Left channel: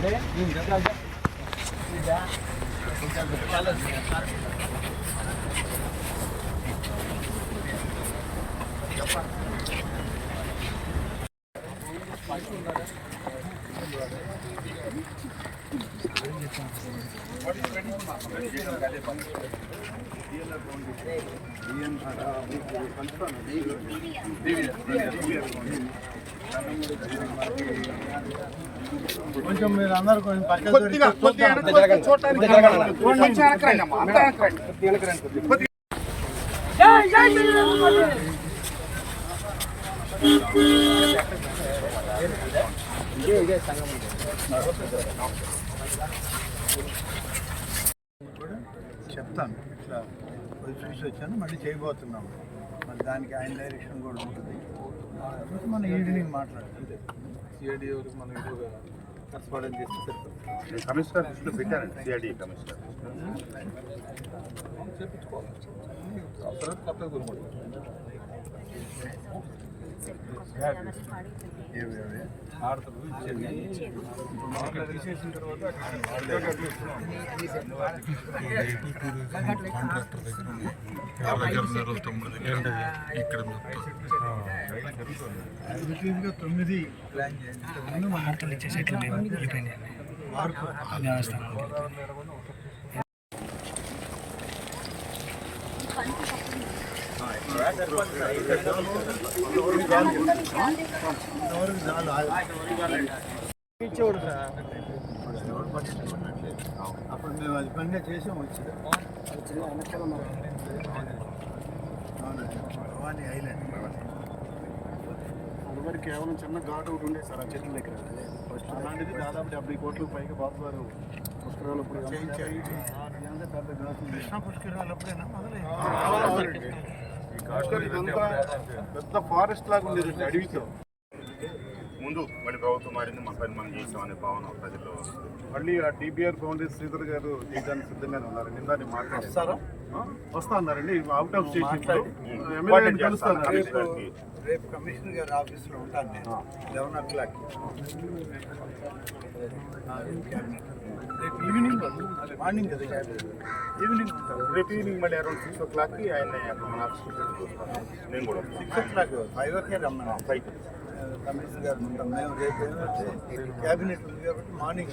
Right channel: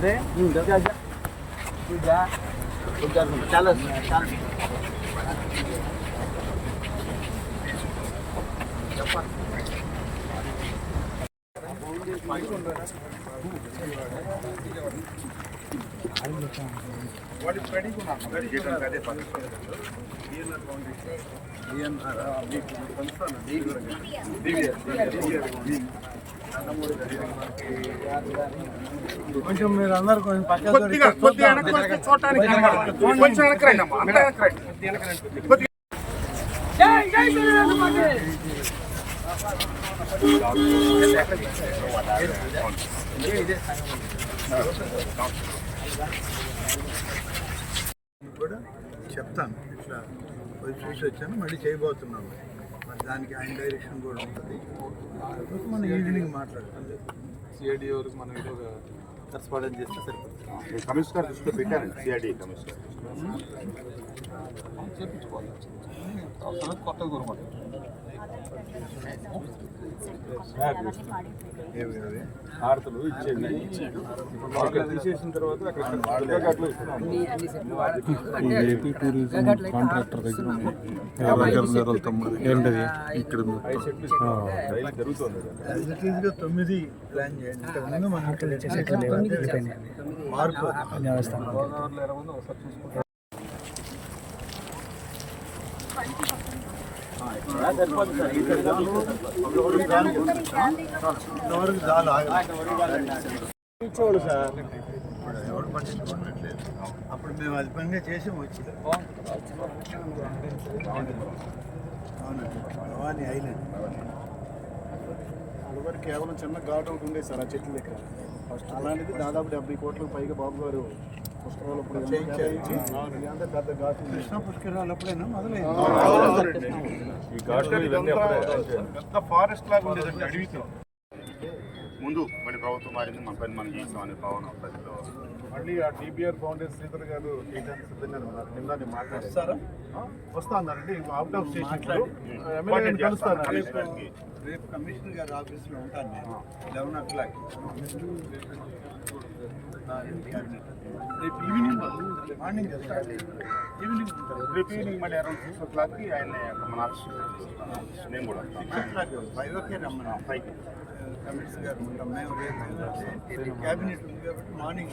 Né? Linda. Já, já. Cuidar. Cuidar. Cala. Cala. సంస్థ కొంచెం మీరు అందరు కొంచెం పక్క కొద్దిగా కొద్దిగా వెనక్కి వస్తే చూడటానికి కొంచెం వెనక్కి రండి అమ్మా అంత వెనక్కి రండి. కొద్దిగా కూడా చెప్తాను ఇట్లా పోయి చూసి వచ్చాను మళ్ళీ చేయబోతున్నాము. మరి దానికి ఆయన డైరెక్షన్ కూడా ఉంటుంది. తర్వాత మనం ఈవినింగ్ మాట్లాడుతుంది సిఐడి వరకు మనం కరస్పాండెంట్ చేస్తే సరిపోతుంది. కమిషనర్ దృష్టిలో పెట్టానండి సిఐడి కమిషనర్ చేపించుకోవాలి అవసరం కొత్తగా అవి ఆడతలు ఇచ్చేది తీసేసిన తర్వాత. ఏపీ టూరిజం కాంట్రాక్టర్ దగ్గర తమ్ముడు ఏంటిది ఇక్కడ జరుగుతుంది తొమ్మిది ప్లాన్ చేయండి మార్పు ఇంతవరకు ఇచ్చేవాడు సార్ ఇప్పుడు ఎవరు పట్టించుకున్నట్లేదు అప్పుడు మేము అది పనిగా చేసాం వచ్చి. భవానీ ఐలాండ్. అదివరకు కేవలం చిన్న ఘాట్ ఒకటి ఉండే సార్ ఆ చెట్ల దగ్గర. ఫస్ట్ అలాంటిది దాదాపు డెబ్బై కోట్లకు పైగా బాబు గారు. ఇదంతా పెద్ద ఘాట్ కృష్ణా పుష్కరాలు అప్పుడైనా? మొదలైంది. ఇదంతా పెద్ద ఫారెస్ట్ లాగా ఉండేది అడవితో. ముందు మళ్ళీ ప్రభుత్వం మారింది మన పని మనం చేసాం అనే భావన ప్రజల్లో మళ్ళీ ఆ టీబీఆర్ ఫౌండేషన్ శ్రీధర్ గారు చేయడానికి సిద్ధంగానే ఉన్నారు నిన్న నేను మాట్లాడారు? వస్తా అన్నారండి అవుట్ ఆఫ్ స్టేషన్. కలుస్తాను. రేపు కమిషనర్ గారి ఆఫీస్లో ఉంటాను నేను. లెవెన్ ఓ క్లాక్ రేపు ఈవినింగ్ మార్నింగ్ కదా ఈవినింగ్ ఉంటారు. రేపు ఈవినింగ్ మళ్ళీ అరౌండ్ సిక్స్ ఓ క్లాక్కి ఆయన మన ఆఫీస్ నేను కూడా six o'clock five okay రమ్మన్నా. పైకి కమిషనర్ గారు ఉంటాం. మేము రేపు ఏమంటే క్యాబినెట్ ఉంది కాబట్టి మార్నింగ్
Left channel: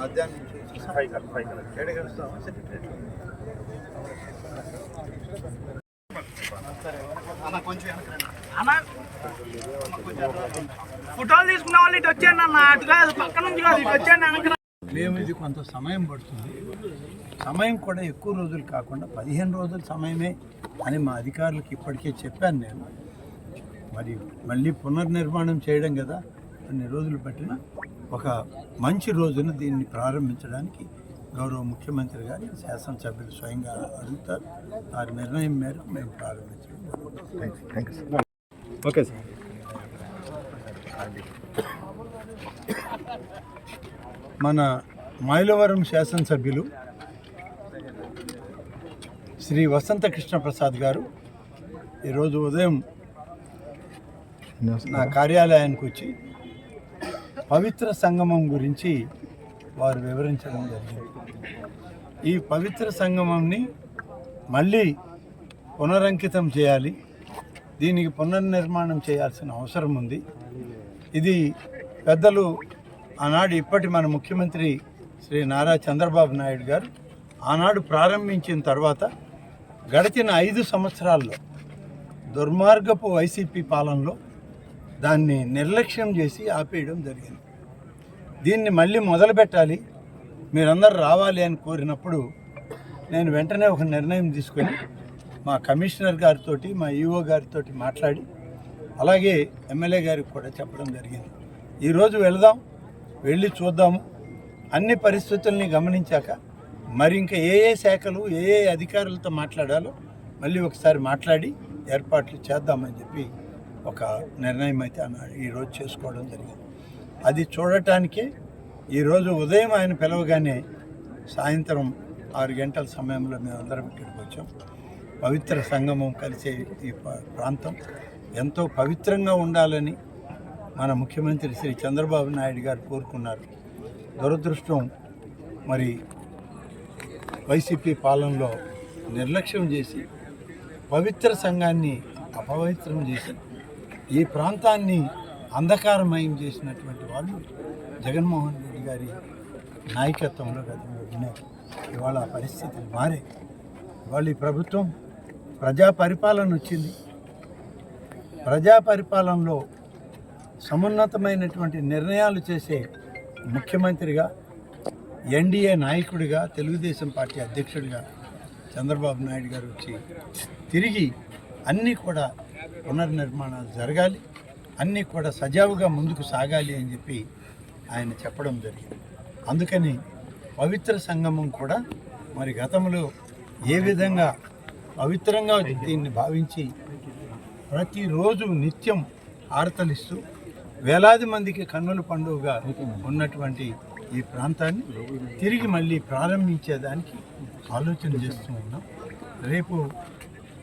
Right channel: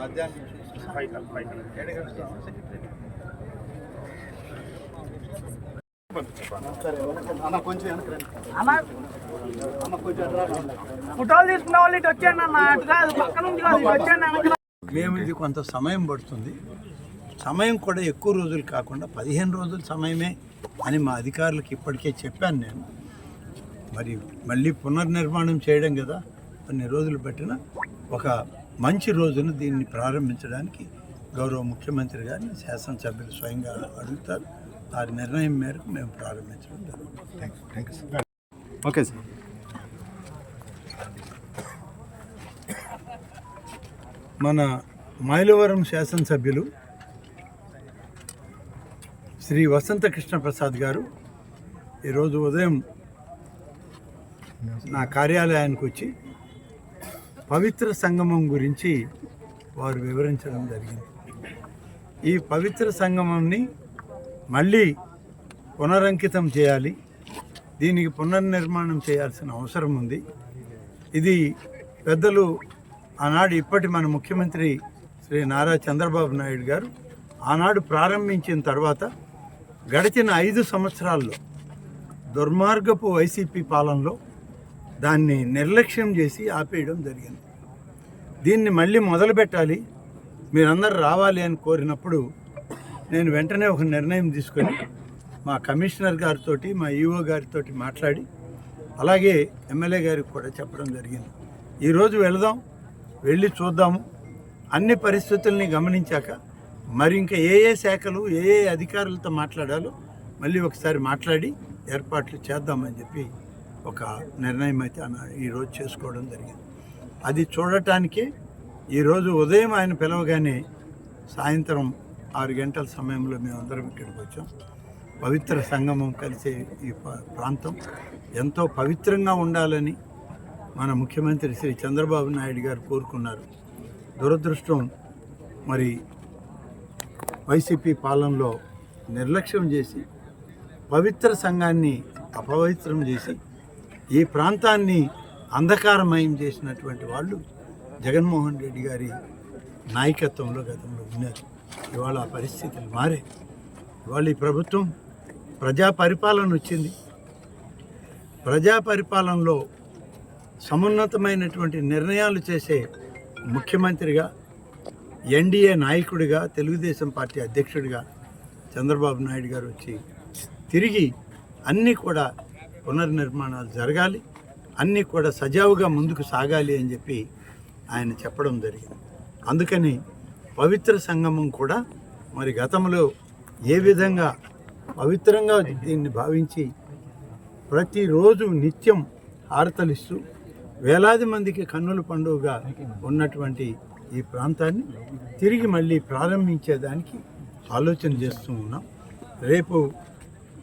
మధ్యాహ్నం నుంచి ఫైవ్ కల్ ఫైవ్ కల్ ఎక్కడికి వస్తాం సెక్రటరీలో అన్న కొంచెం వెనక్కి రండి. ఫోటోలు తీసుకున్న వాళ్ళు ఇటు వచ్చాను అన్న అటు కాదు పక్క నుంచి కాదు ఇటు వచ్చాను మేము ఇది కొంత సమయం పడుతుంది. సమయం కూడా ఎక్కువ రోజులు కాకుండా పదిహేను రోజుల సమయమే అని మా అధికారులకు ఇప్పటికే చెప్పాను నేను. మరి మళ్ళీ పునర్నిర్మాణం చేయడం కదా కొన్ని రోజులు పట్టిన ఒక మంచి రోజున దీన్ని ప్రారంభించడానికి గౌరవ ముఖ్యమంత్రి గారిని శాసనసభ్యులు స్వయంగా అడుగుతారు. ఆ నిర్ణయం మేరకు మేము ప్రారంభించడం జరుగుతుంది. ఓకే సార్ మన మైలవరం శాసనసభ్యులు శ్రీ వసంత కృష్ణ ప్రసాద్ గారు. ఈరోజు ఉదయం నా కార్యాలయానికి వచ్చి పవిత్ర సంగమం గురించి వారు వివరించడం జరిగింది. ఈ పవిత్ర సంగమంని మళ్ళీ పునరంకితం చేయాలి. దీనికి పునర్నిర్మాణం చేయాల్సిన అవసరం ఉంది. ఇది పెద్దలు ఆనాడు ఇప్పటి మన ముఖ్యమంత్రి శ్రీ నారా చంద్రబాబు నాయుడు గారు ఆనాడు ప్రారంభించిన తర్వాత గడిచిన ఐదు సంవత్సరాల్లో దుర్మార్గపు వైసీపీ పాలనలో దాన్ని నిర్లక్ష్యం చేసి ఆపేయడం జరిగింది. దీన్ని మళ్ళీ మొదలుపెట్టాలి మీరందరూ రావాలి అని కోరినప్పుడు నేను వెంటనే ఒక నిర్ణయం తీసుకొని మా కమిషనర్ గారితో మా ఈఓ గారితో మాట్లాడి అలాగే ఎమ్మెల్యే గారికి కూడా చెప్పడం జరిగింది. ఈరోజు వెళదాం వెళ్ళి చూద్దాము. అన్ని పరిస్థితుల్ని గమనించాక మరి ఇంకా ఏ ఏ శాఖలు ఏ ఏ అధికారులతో మాట్లాడాలో మళ్ళీ ఒకసారి మాట్లాడి ఏర్పాట్లు చేద్దామని చెప్పి ఒక నిర్ణయం అయితే ఈరోజు చేసుకోవడం జరిగింది. అది చూడటానికి ఈరోజు ఉదయం ఆయన పిలవగానే సాయంత్రం ఆరు గంటల సమయంలో మేమందరం ఇక్కడికి వచ్చాం. పవిత్ర సంగమం కలిసే ఈ ప్రాంతం. ఎంతో పవిత్రంగా ఉండాలని మన ముఖ్యమంత్రి శ్రీ చంద్రబాబు నాయుడు గారు కోరుకున్నారు. దురదృష్టం మరి వైసీపీ పాలనలో నిర్లక్ష్యం చేసి పవిత్ర సంఘాన్ని అపవిత్రం చేసి ఈ ప్రాంతాన్ని అంధకారమయం చేసినటువంటి వాళ్ళు జగన్మోహన్ రెడ్డి గారి నాయకత్వంలో గతంలో ఉన్నారు ఇవాళ ఆ పరిస్థితులు మారే. ఇవాళ ఈ ప్రభుత్వం ప్రజా పరిపాలన వచ్చింది. ప్రజా పరిపాలనలో సమున్నతమైనటువంటి నిర్ణయాలు చేసే ముఖ్యమంత్రిగా ఎన్డీఏ నాయకుడిగా తెలుగుదేశం పార్టీ అధ్యక్షుడిగా చంద్రబాబు నాయుడు గారు వచ్చి తిరిగి అన్నీ కూడా పునర్నిర్మాణాలు జరగాలి అన్నీ కూడా సజావుగా ముందుకు సాగాలి అని చెప్పి ఆయన చెప్పడం జరిగింది. అందుకని పవిత్ర సంగమం కూడా మరి గతంలో ఏ విధంగా పవిత్రంగా దీన్ని భావించి ప్రతిరోజు నిత్యం హారతలిస్తూ వేలాది మందికి కన్నుల పండుగగా ఉన్నటువంటి ఈ ప్రాంతాన్ని తిరిగి మళ్ళీ ప్రారంభించేదానికి ఆలోచన చేస్తూ ఉన్నాం. రేపు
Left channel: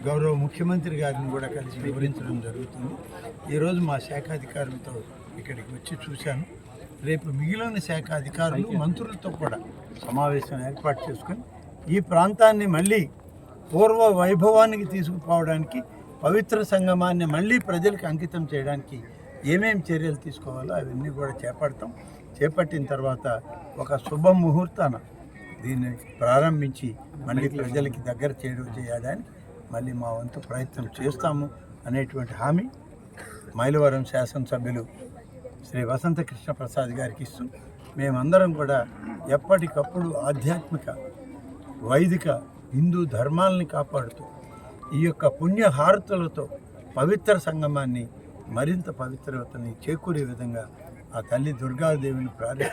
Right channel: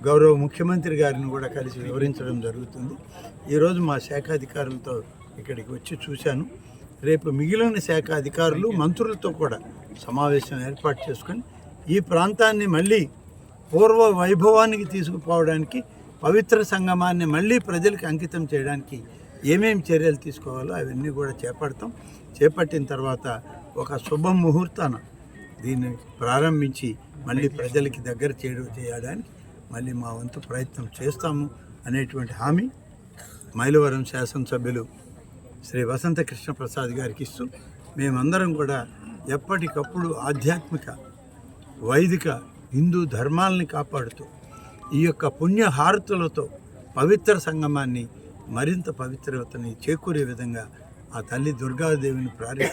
గౌరవ ముఖ్యమంత్రి గారిని కూడా కలిసి వివరించడం జరుగుతుంది. ఈరోజు మా శాఖ అధికారులతో ఇక్కడికి వచ్చి చూశాను. రేపు మిగిలిన శాఖ అధికారులు మంత్రులతో కూడా సమావేశం ఏర్పాటు చేసుకొని ఈ ప్రాంతాన్ని మళ్ళీ పూర్వ వైభవానికి తీసుకుపోవడానికి పవిత్ర సంగమాన్ని మళ్ళీ ప్రజలకు అంకితం చేయడానికి ఏమేమి చర్యలు తీసుకోవాలో అవన్నీ కూడా చేపడతాం. చేపట్టిన తర్వాత ఒక శుభ ముహూర్తాన దీన్ని ప్రారంభించి మళ్ళీ ప్రజలకి దగ్గర చేయడం చేయడానికి మళ్ళీ మా వంతు ప్రయత్నం చేస్తాము అనేటువంటి హామీ మైలవరం శాసనసభ్యులు శ్రీ వసంత కృష్ణ ప్రసాద్ గారికి ఇస్తూ మేమందరం కూడా ఎప్పటికప్పుడు ఆధ్యాత్మిక వైదిక హిందూ ధర్మాలని కాపాడుతూ ఈ యొక్క పుణ్య హారతులతో పవిత్ర సంగమాన్ని మరింత పవిత్రతని చేకూరే విధంగా ఆ తల్లి దుర్గాదేవిని ప్రార్థి